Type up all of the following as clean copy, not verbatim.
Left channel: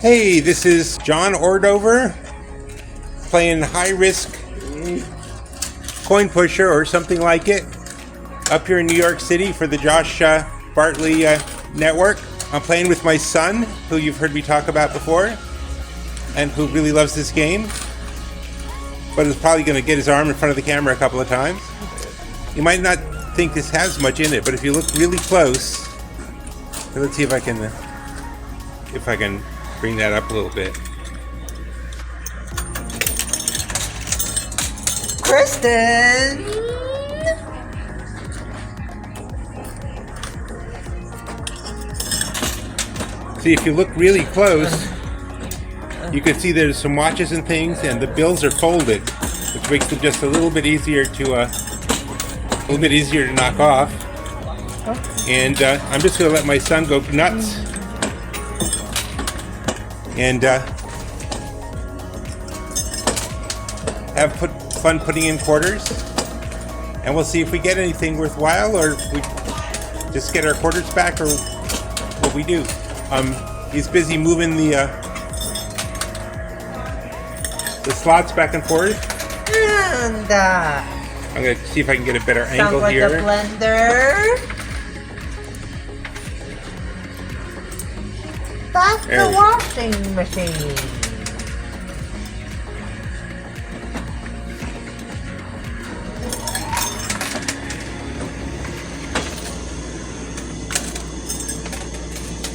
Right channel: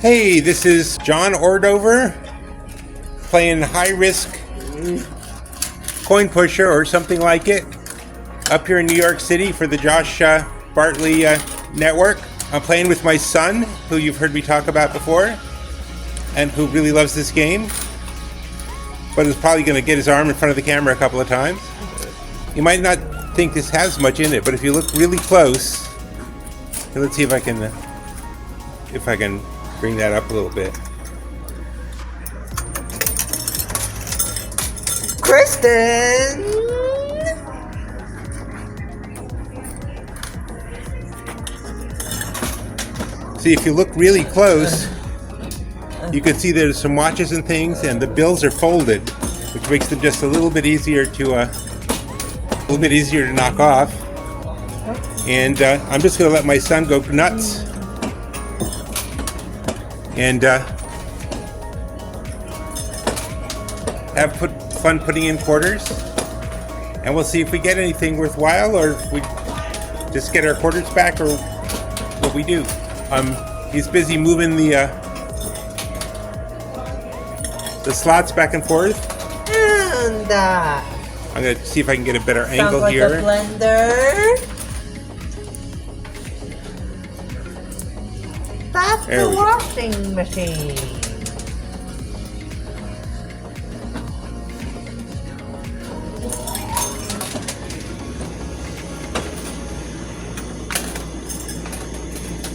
Hey, this is John Ordover playing High Risk Coin Pusher or something like it up here in New York City for the Josh Bartley network. I'm playing with my son, who you've heard me talk about before and who really loves this game, but is probably going to get his arm in front of the camera a couple of times. You might not think this has much in it, but if you look really close, let's see if I can bring that up a little bit. Kristen! See, if you look really close, you can see there's some watches and things, and the bills are folded, which makes them just a little bit easier to knock off. And I'm just going to let my son go nuts and have fun putting in quarters, and we'll see if we get anything worthwhile, or if we just get our quarters back, or what we do. He's busy moving the slots back and forth, And I'm going to see if I can get a better angle sounds like here. a blender. That's There the we- washing machine.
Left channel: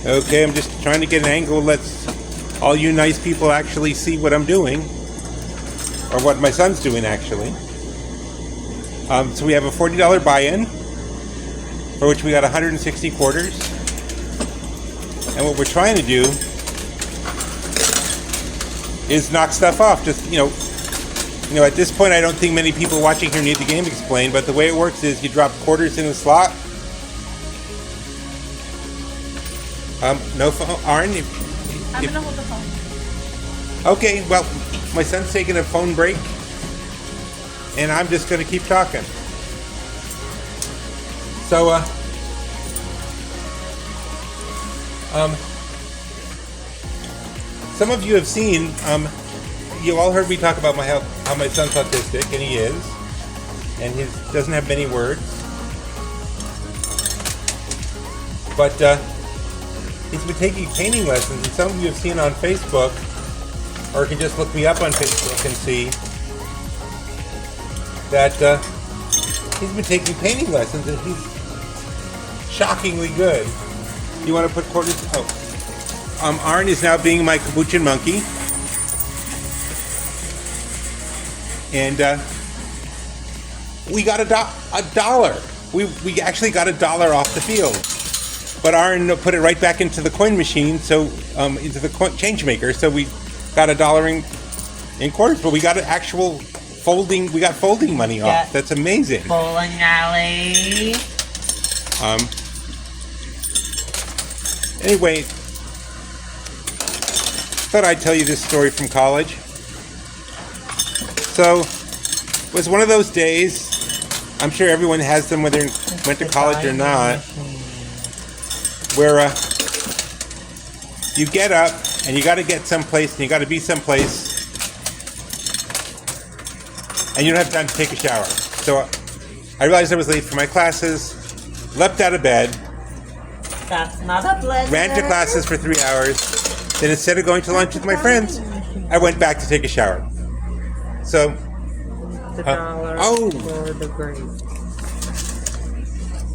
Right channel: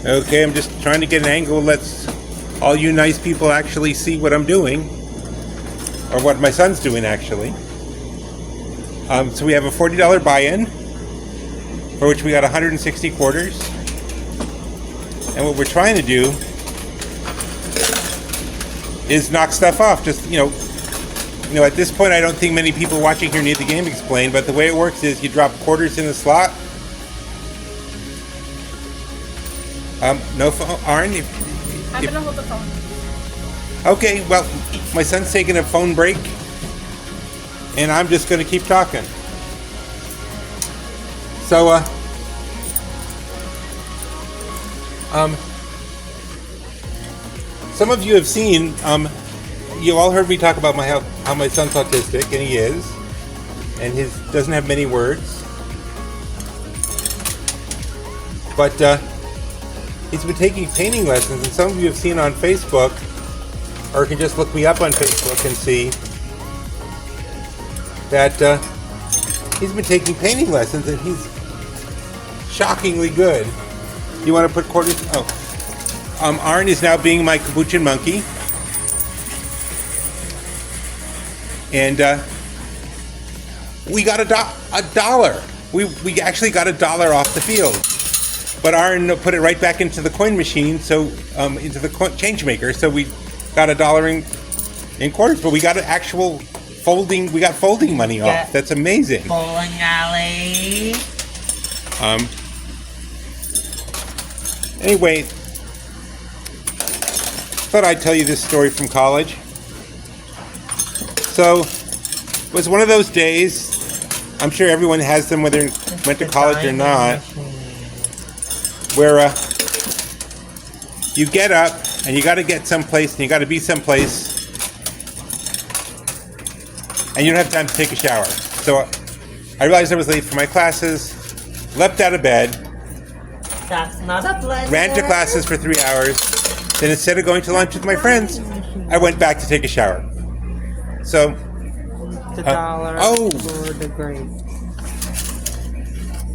Okay, I'm just trying to get an angle that lets all you nice people actually see what I'm doing, or what my son's doing actually. So we have a $40 buy-in, for which we got 160 quarters. And what we're trying to do is knock stuff off. Just, at this point I don't think many people watching here need the game explained, but the way it works is you drop quarters in the slot. No phone, Arn? I'm gonna hold the phone. Okay, well, my son's taking a phone break, and I'm just gonna keep talking. So, some of you have seen, you all heard me talk about how my son's autistic, and he is, and he doesn't have many words, but he's been taking painting lessons, and some of you have seen on Facebook, or you can just look me up on Facebook and see that he's been taking painting lessons, and he's shockingly good. You want to put quarters? Oh, Arn is now being my capuchin monkey, and we got a dollar. We actually got $1 off the field, but Arn put it right back into the coin machine, so into the change maker. So we got $1 in quarters, but we got an actual folding. We got folding money off. That's amazing. Bowling alley. Anyway, thought I'd tell you this story from college. So, it was one of those days, I'm sure everyone has them whether you went to college or not, where you get up and you got to get someplace and you got to be someplace and you don't have time to take a shower. So I realized I was late for my classes, leapt out of bed, That's not a blender. ran to classes for 3 hours, then instead of going to lunch with my friends, I went back to take a shower. So, The dollar for the grape.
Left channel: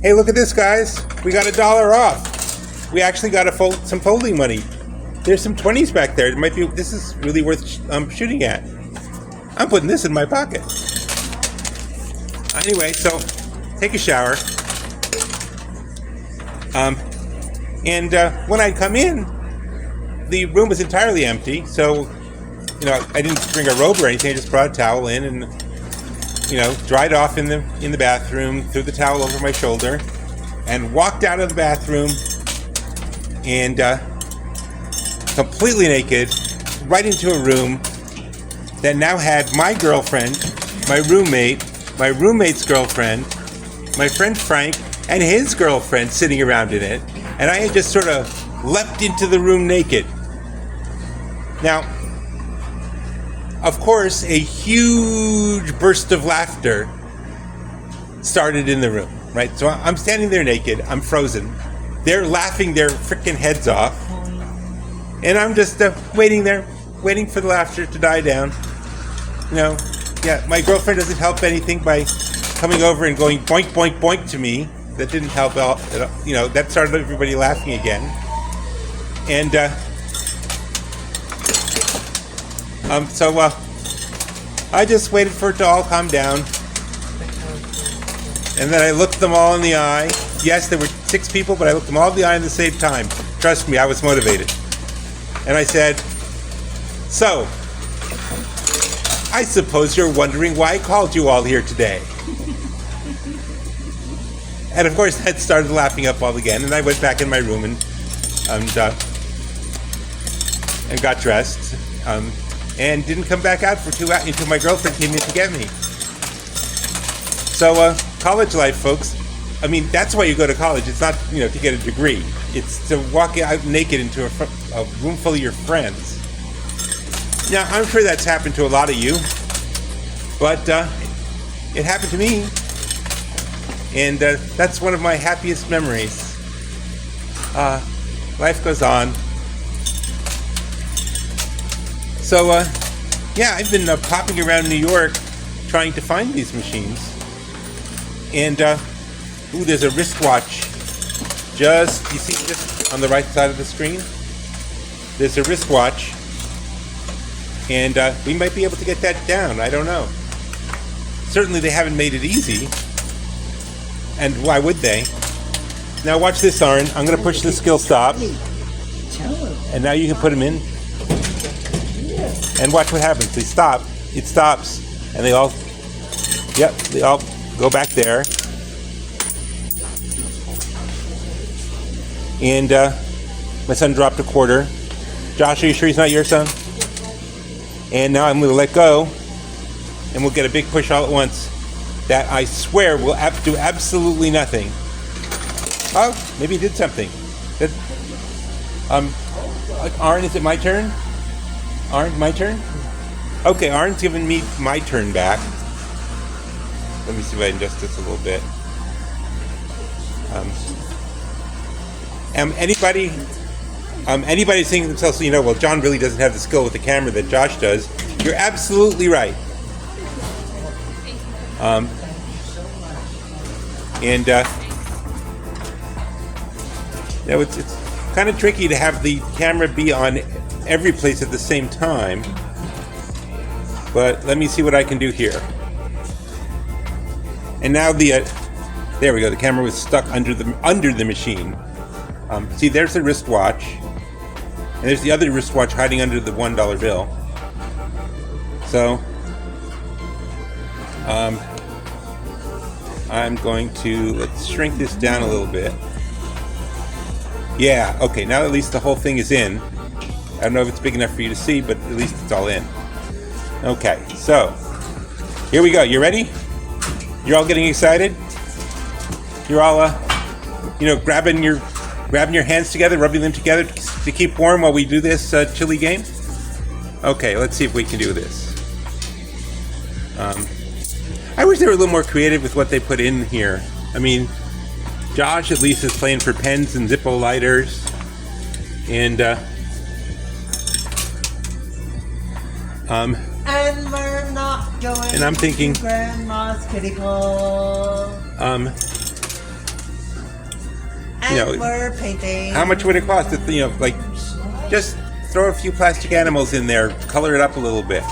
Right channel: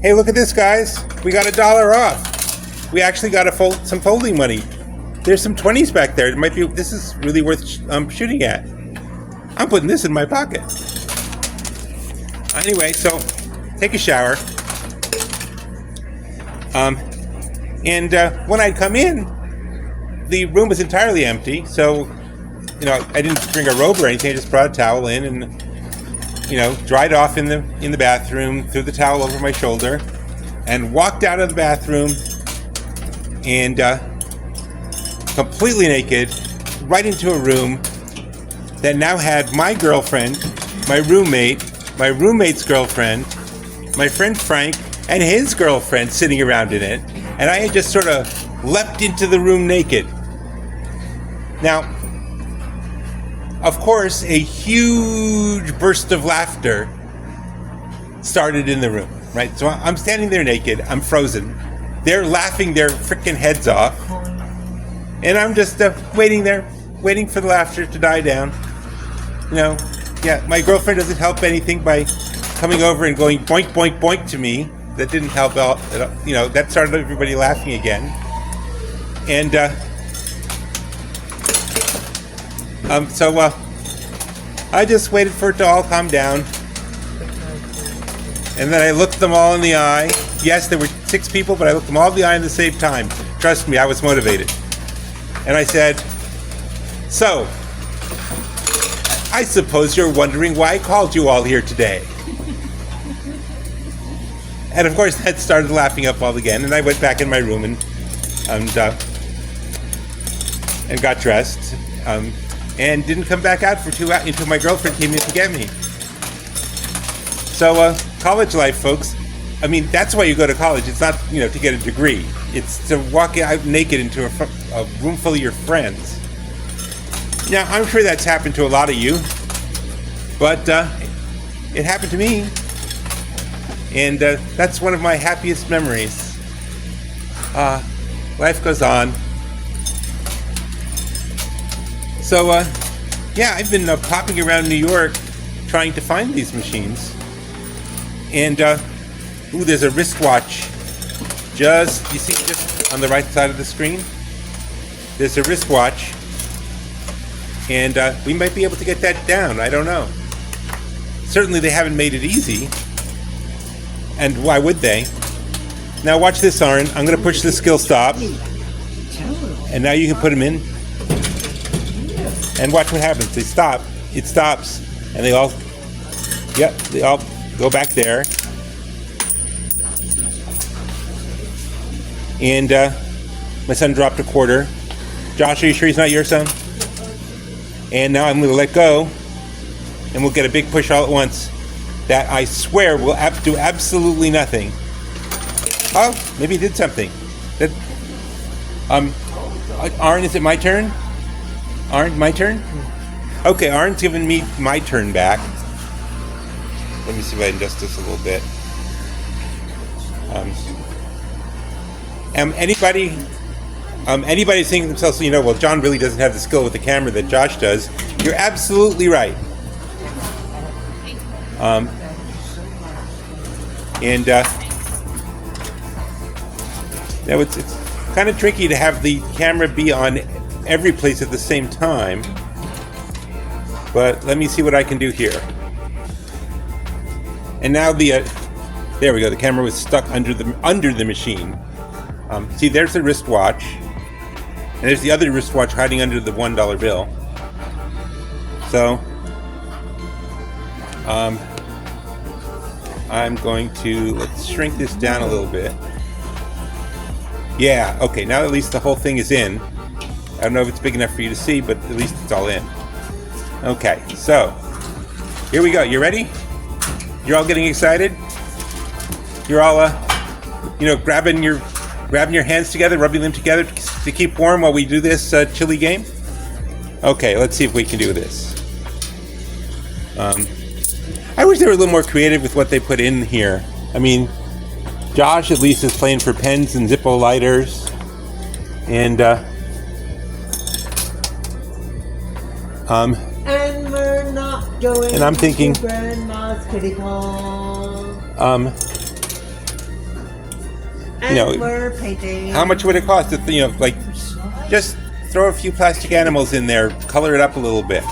hey, look at this, guys. We got $1 off. We actually got some folding money. There's some 20s back there. This is really worth shooting at. I'm putting this in my pocket. Anyway, so take a shower. And when I come in, the room was entirely empty. So, I didn't bring a robe or anything. I just brought a towel in and, dried off in the bathroom, threw the towel over my shoulder, and walked out of the bathroom and completely naked right into a room that now had my girlfriend, my roommate, my roommate's girlfriend, my friend Frank, and his girlfriend sitting around in it, and I had just sort of leapt into the room naked. Now, of course, a huge burst of laughter started in the room, right? So I'm standing there naked, I'm frozen. They're laughing their freaking heads off. And I'm just waiting there, waiting for the laughter to die down. You know, yeah, my girlfriend doesn't help anything by coming over and going boink, boink, boink to me. That didn't help out. You know, that started everybody laughing again. And so I just waited for it to all calm down. And then I looked them all in the eye. Yes, there were 6 people, but I looked them all in the eye at the same time. Trust me, I was motivated. And I said, so, I suppose you're wondering why I called you all here today. And of course, that started laughing up all again. And I went back in my room and got dressed. And didn't come back out for 2 hours until my girlfriend came in to get me. So, college life, folks. I mean, that's why you go to college. It's not, you know, to get a degree. It's to walk out naked into a room full of your friends. Now, I'm sure that's happened to a lot of you, but it happened to me, and that's one of my happiest memories. Life goes on. So, yeah, I've been popping around New York trying to find these machines. And, ooh, there's a wristwatch. Just, you see this on the right side of the screen? There's a wristwatch. And we might be able to get that down. I don't know. Certainly they haven't made it easy. And why would they? Now watch this, Arn. I'm going to push the skill stop. And now you can put them in. And watch what happens. They stop. It stops. And they all, yep, they all go back there. And my son dropped a quarter. Josh, are you sure he's not your son? And now I'm going to let go. And we'll get a big push all at once. That I swear will do absolutely nothing. Oh, maybe it did something. That, Arn, is it my turn? Arn, my turn? Okay, Arn's giving me my turn back. Let me see if I can adjust this a little bit. Anybody thinking to themselves, you know, well, John really doesn't have the skill with the camera that Josh does. You're absolutely right. Now it's kind of tricky to have the camera be on every place at the same time. But let me see what I can do here. And now there we go. The camera was stuck under the machine. See, there's the wristwatch, and there's the other wristwatch hiding under the $1 bill. So, I'm going to, let's shrink this down a little bit. Yeah, okay, now at least the whole thing is in. I don't know if it's big enough for you to see, but at least it's all in. Okay, so, here we go. You ready? You're all getting excited? You're all, grabbing your hands together, rubbing them together to keep warm while we do this chilly game? Okay, let's see if we can do this. I wish they were a little more creative with what they put in here. I mean, Josh at least is playing for pens and Zippo lighters. And we're not going and I'm thinking, to Grandma's kiddie pool. And we're painting. How much would it cost to, just throw a few plastic animals in there, color it up a little bit.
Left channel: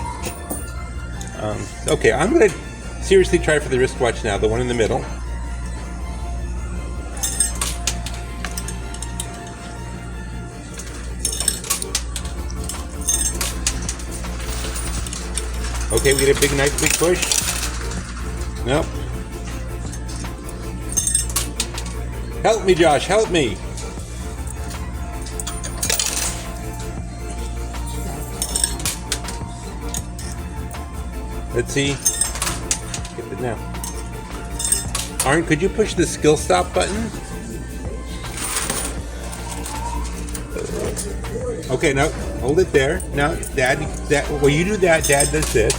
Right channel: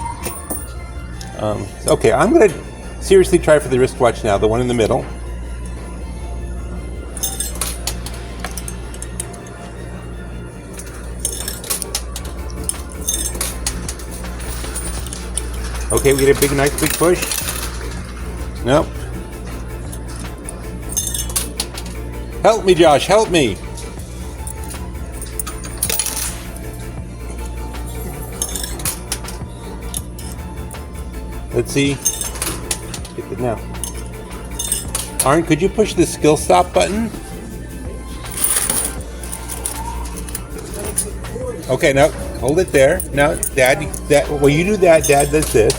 Okay, I'm going to seriously try for the wristwatch now, the one in the middle. Okay, we get a nice big push. Nope. Help me, Josh, help me. Let's see. Get it now. Arn, could you push the skill stop button? Okay, no, hold it there. No, Dad, when you do that, Dad does this.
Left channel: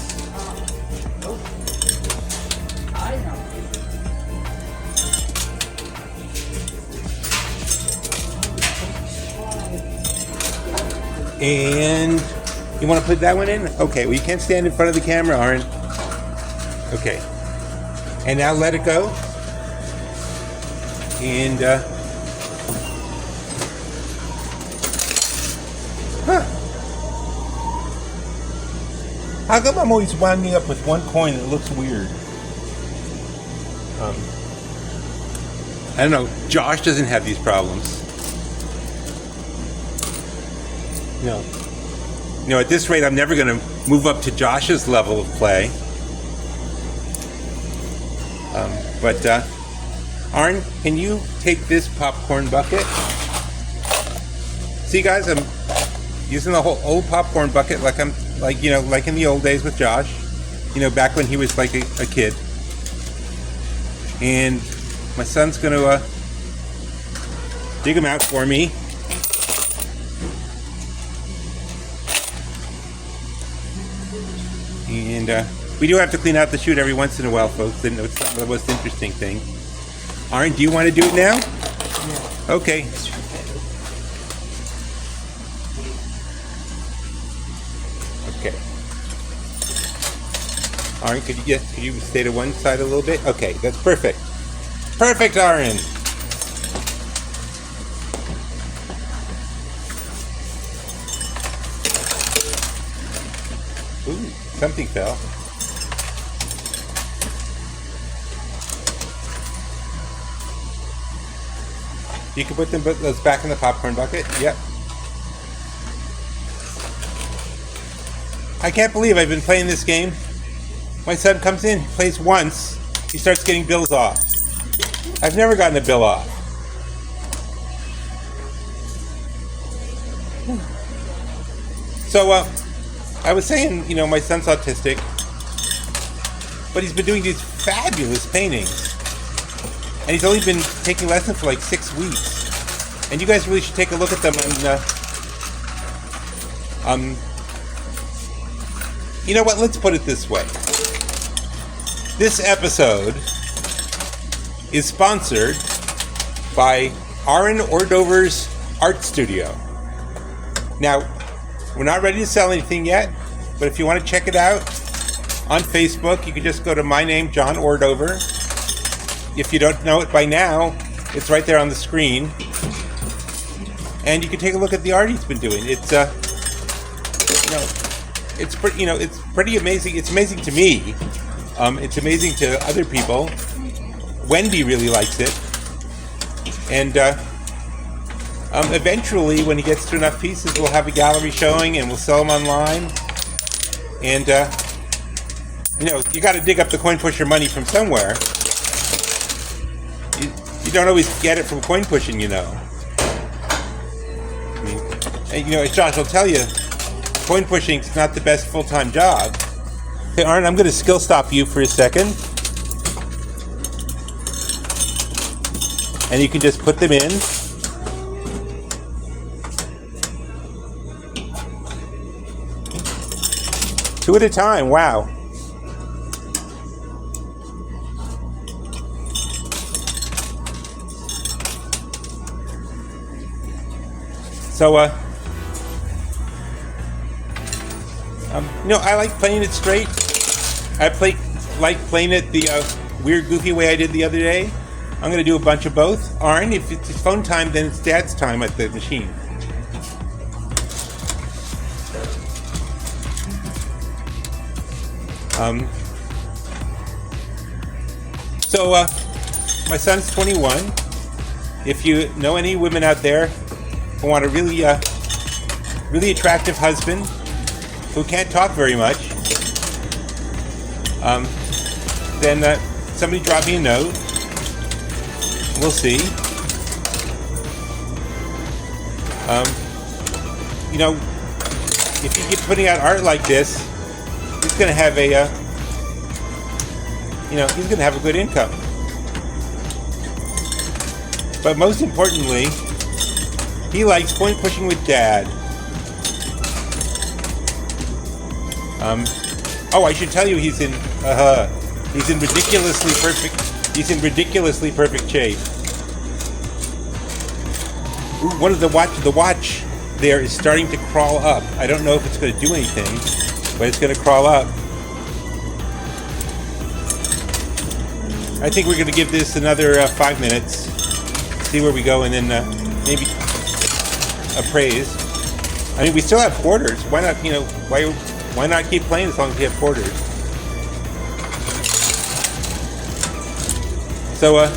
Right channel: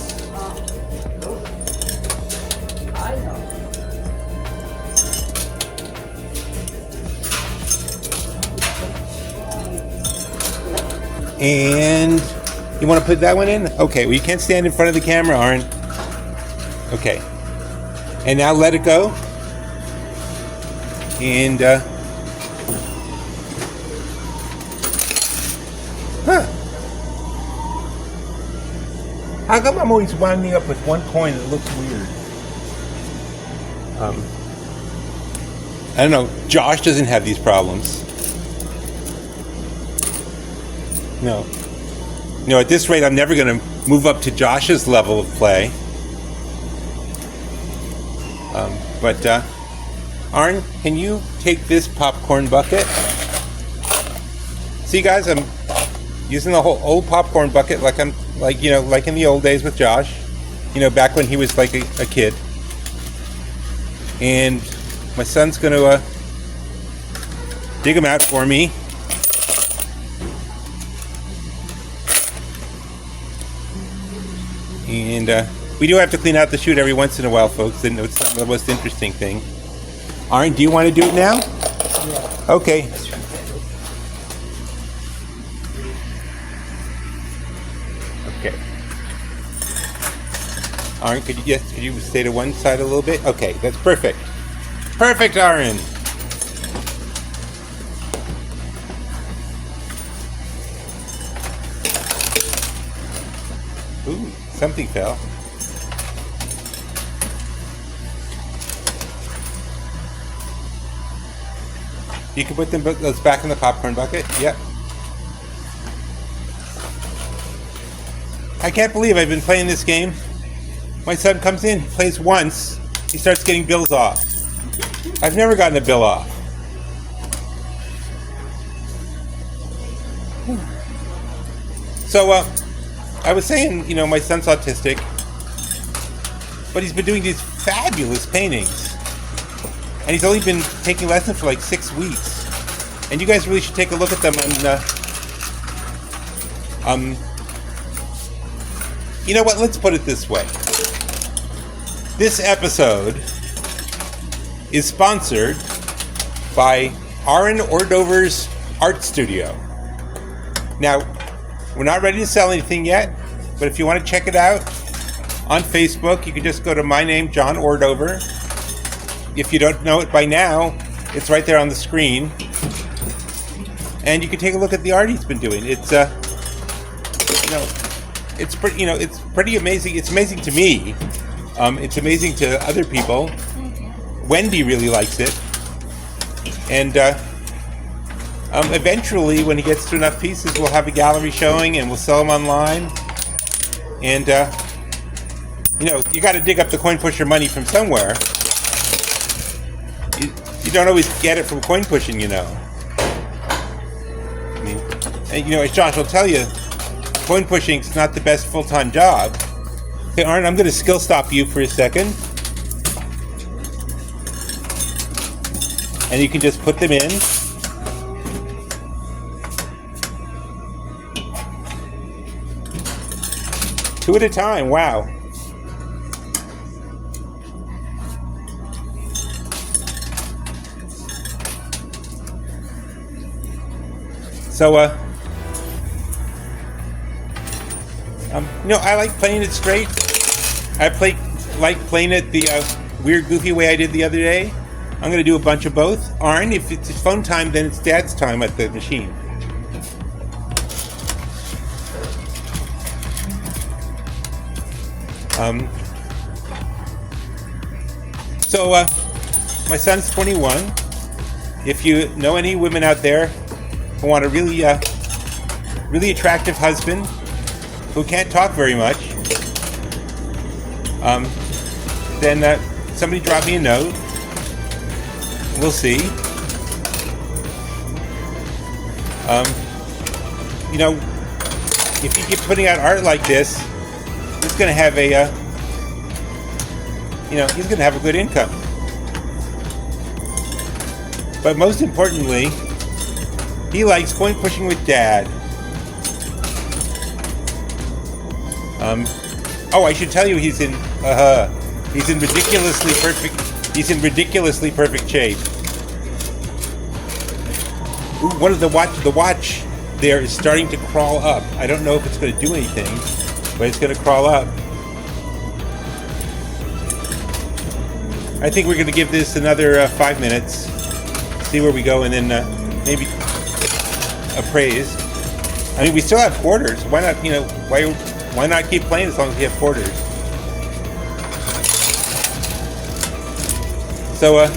And you want to put that one in? Okay, well, you can't stand in front of the camera, Aaron. Okay. And now let it go. And, how come I'm always winding up with one coin that looks weird? I don't know. Josh doesn't have these problems. No. At this rate, I'm never going to move up to Josh's level of play. But, Arn, can you take this popcorn bucket? See, guys, I'm using the whole old popcorn bucket like in the old days with Josh. Back when he was like a kid. And my son's going to dig them out for me. And we do have to clean out the chute every once in a while, folks, and it's not the most interesting thing. Arn, do you want to do it now? Yeah. Okay. Okay. Arn, could you stay to one side a little bit? Okay, that's perfect. Perfect, Arn. Ooh, something fell. You can put those back in the popcorn bucket. Yep. I can't believe I've been playing this game. My son comes in, plays once, he starts getting bills off. I've never gotten a bill off. So, I was saying, my son's autistic, but he's been doing these fabulous paintings. And he's only been taking lessons for like 6 weeks. And you guys really should take a look at them on, you know what, let's put it this way. This episode is sponsored by Aaron Ordover's Art Studio. Now, we're not ready to sell anything yet, but if you want to check it out on Facebook, you can just go to my name, John Ordover. If you don't know it by now, it's right there on the screen. And you can take a look at the art he's been doing. It's it's pretty amazing. It's amazing to me. It's amazing to other people. Wendy really likes it. And eventually, when he gets to enough pieces, we'll have a gallery showing and we'll sell them online. And you got to dig up the coin pusher money from somewhere. You don't always get it from coin pushing, And, as Josh will tell you, coin pushing is not the best full-time job. Hey, Arn, I'm going to skill stop you for a second. And you can just put them in. Two at a time, wow. So, I like playing it straight. I like playing it the weird, goofy way I did the other day. I'm going to do a bunch of both. Arn, if it's phone time, then it's Dad's time at the machine. So, my son's 21. If you know any women out there who want a really attractive husband who can't talk very much, then somebody drop me a note. We'll see. If you keep putting out art like this, he's gonna have he's gonna have a good income. But most importantly, he likes coin pushing with Dad. Oh, I should tell you, he's in ridiculously perfect. He's in ridiculously perfect shape. Ooh, one of the watch there is starting to crawl up. I don't know if it's going to do anything, but it's going to crawl up. I think we're going to give this another 5 minutes, see where we go, and then maybe appraise. I mean, we still have quarters. Why not? You know, why not keep playing as long as we have quarters? So,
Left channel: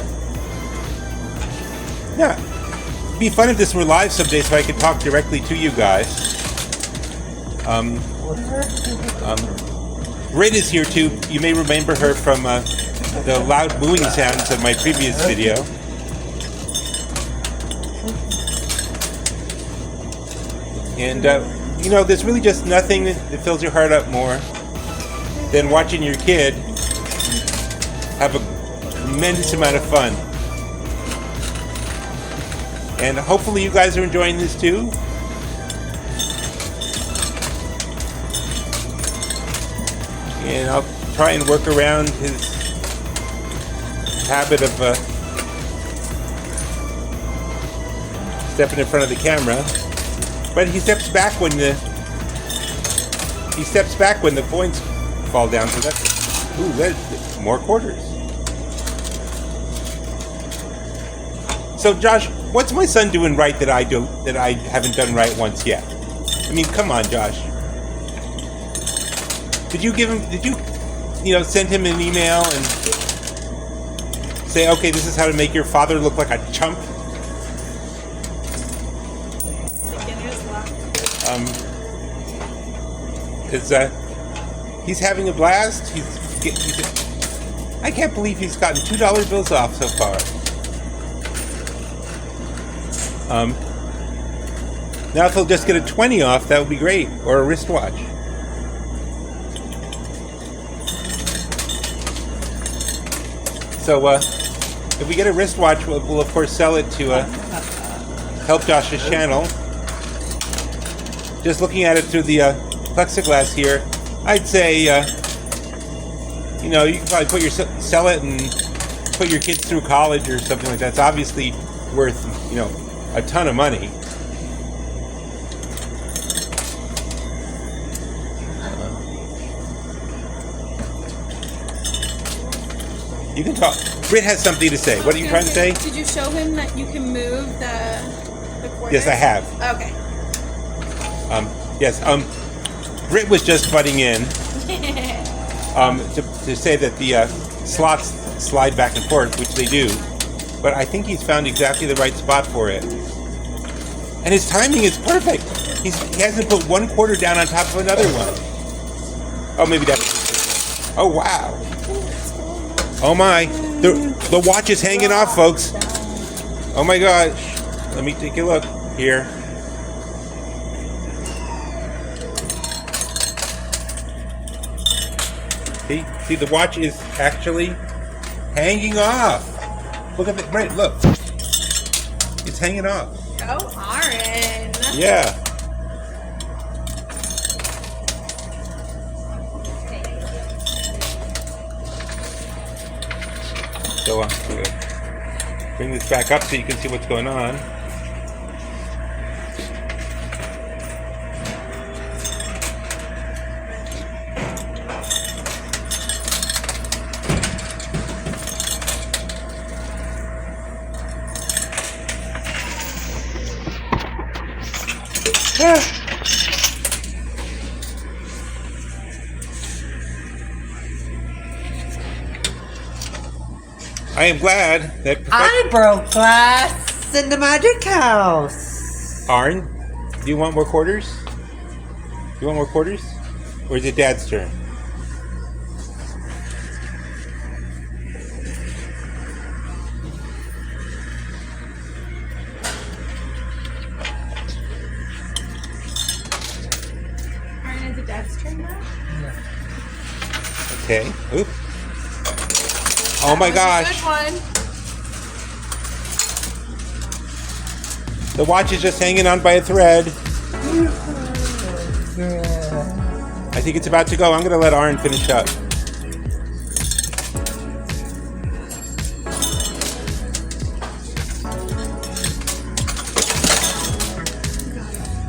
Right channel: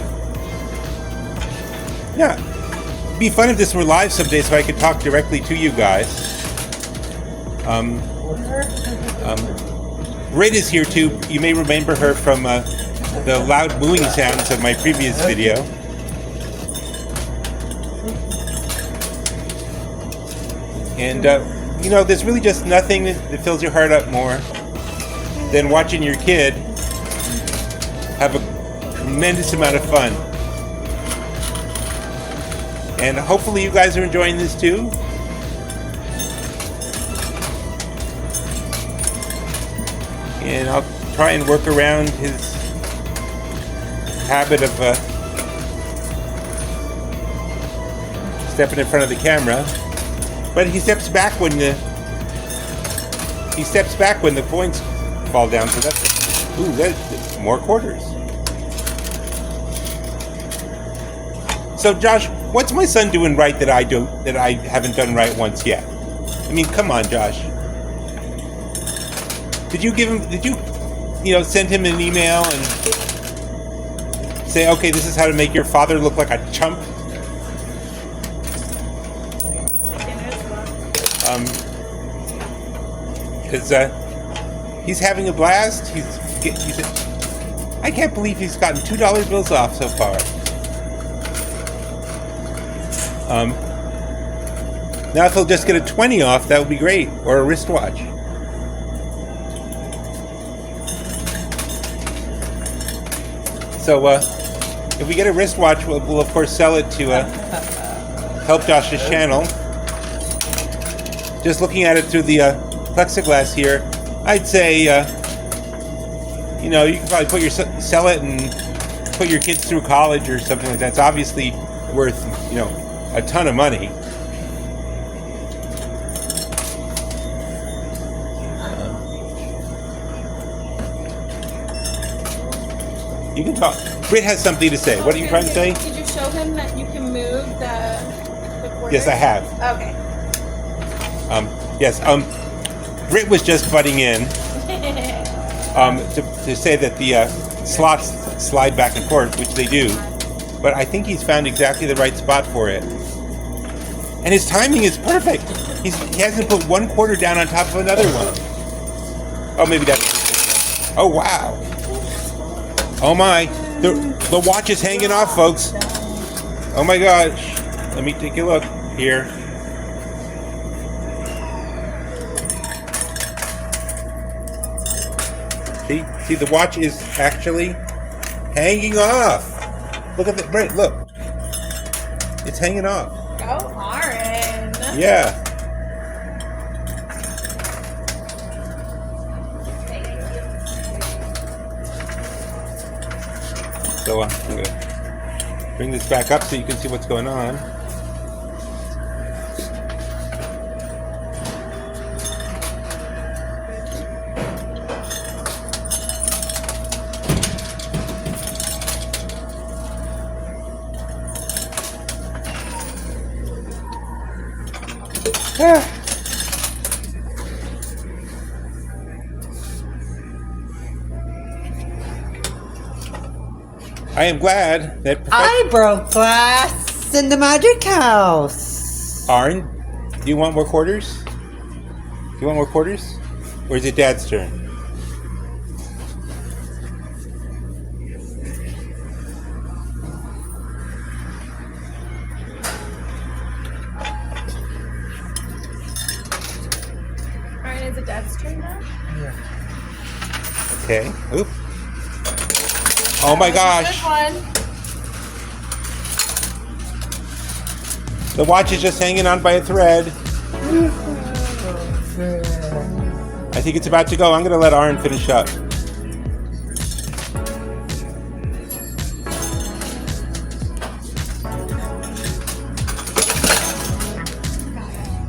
yeah, it'd be fun if this were live someday, so I could talk directly to you guys. Britt is here too. You may remember her from the loud mooing sounds of my previous video. And, you know, there's really just nothing that fills your heart up more than watching your kid have a tremendous amount of fun. And hopefully you guys are enjoying this too. And I'll try and work around his habit of stepping in front of the camera. But he steps back when the coins fall down. So that's more quarters. So Josh, what's my son doing right that I haven't done right once yet? I mean, come on, Josh. Did you send him an email and say, okay, this is how to make your father look like a chump? Because he's having a blast. I can't believe he's gotten $2 bills off so far. Now if he'll just get a 20 off, that would be great, or a wristwatch. So if we get a wristwatch, we'll of course sell it to help Josh's channel. Just looking at it through the plexiglass here, I'd say you can probably sell it and put your kids through college or something like that. It's obviously worth a ton of money. You can talk. Britt has something to say. What are you trying to say? Did you show him that you can move the quarters? Yes, I have. Okay. Yes. Britt was just butting in to say that the slots slide back and forth, which they do. But I think he's found exactly the right spot for it. And his timing is perfect. He hasn't put one quarter down on top of another one. Oh, maybe that's... Oh, wow. Oh, my. The watch is hanging off, folks. Oh, my gosh. Let me take a look here. See, the watch is actually hanging off. Look at that, Britt, look. It's hanging off. Go Aaron. Yeah. So I'm going to bring this back up so you can see what's going on. I am glad that I broke glass in the magic house. Arn, do you want more quarters? You want more quarters? Or is it Dad's turn? Alright, is it Dad's turn now? Yeah. Okay. Oop. Oh my gosh. Good one. The watch is just hanging on by a thread. I think it's about to go. I'm going to let Aaron finish up.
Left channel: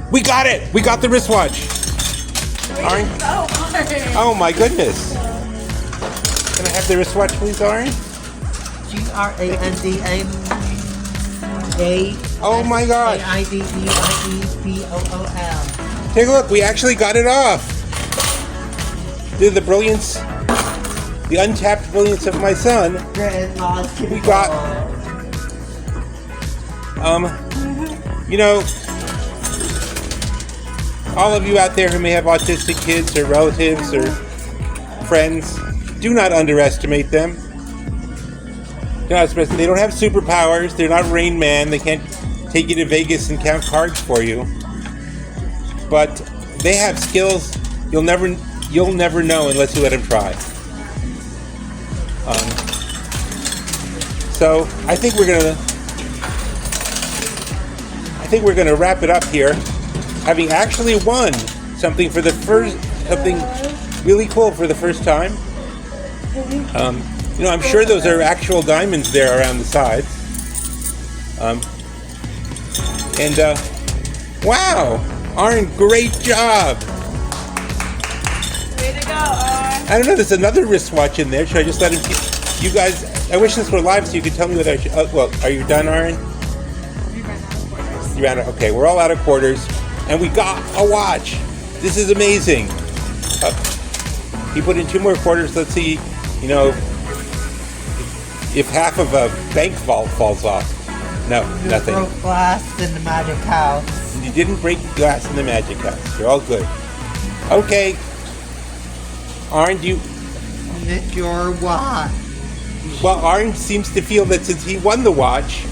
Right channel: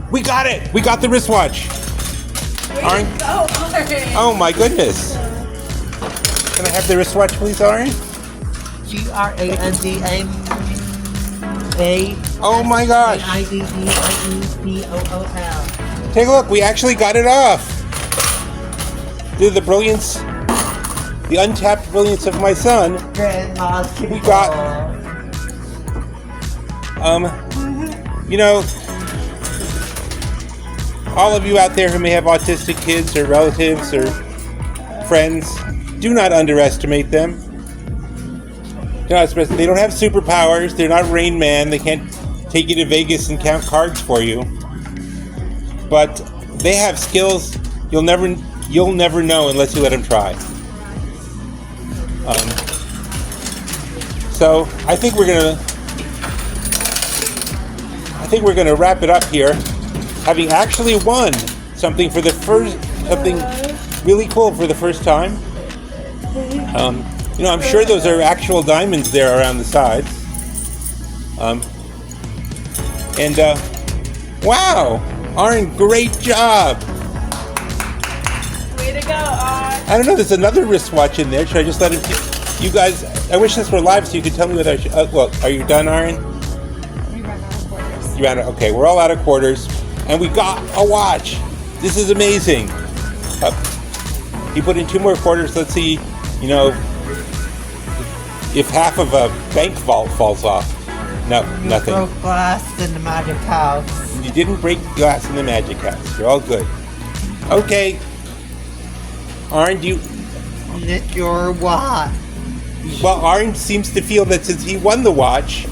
We got it! We got the wristwatch. Aaron? Oh my goodness. Can I have the wristwatch, please, Aaron? GRANDA. Oh my gosh. IDEIEPOOL. Take a look, we actually got it off. Due to the brilliance, the untapped brilliance of my son, we got, you know, all of you out there who may have autistic kids or relatives or friends, do not underestimate them. They don't have superpowers. They're not Rain Man. They can't take you to Vegas and count cards for you. But they have skills you'll never know unless you let them try. So I think we're gonna wrap it up here, having actually won something really cool for the first time. You know, I'm sure those are actual diamonds there around the sides. Wow, Aaron, great job. Way to go, Aaron. I don't know, there's another wristwatch in there. Should I just let him keep, you guys, I wish this were live so you could tell me whether I should, well, are you done, Aaron? We ran out of quarters. You ran out, okay, we're all out of quarters. And we got a watch. This is amazing. He put in 2 more quarters. Let's see, you know, if half of a bank vault falls off. No, nothing. Broke glass in the magic house. You didn't break glass in the magic house. You're all good. Okay. Aaron, do you... Get your watch. Well, Aaron seems to feel that since he won the watch,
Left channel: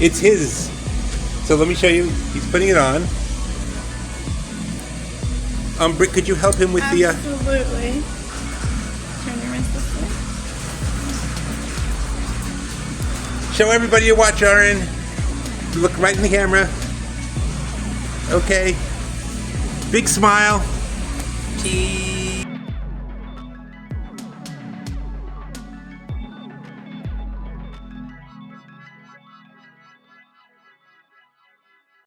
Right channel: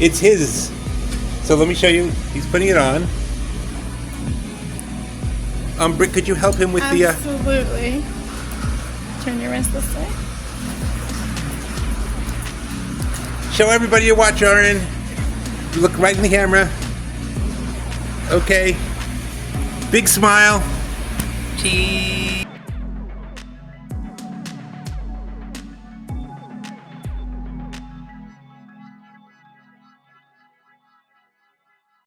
it's his. So let me show you. He's putting it on. Britt, could you help him with the... Absolutely. Turn your wrist this way. Show everybody your watch, Aaron. Look right in the camera. Okay. Big smile.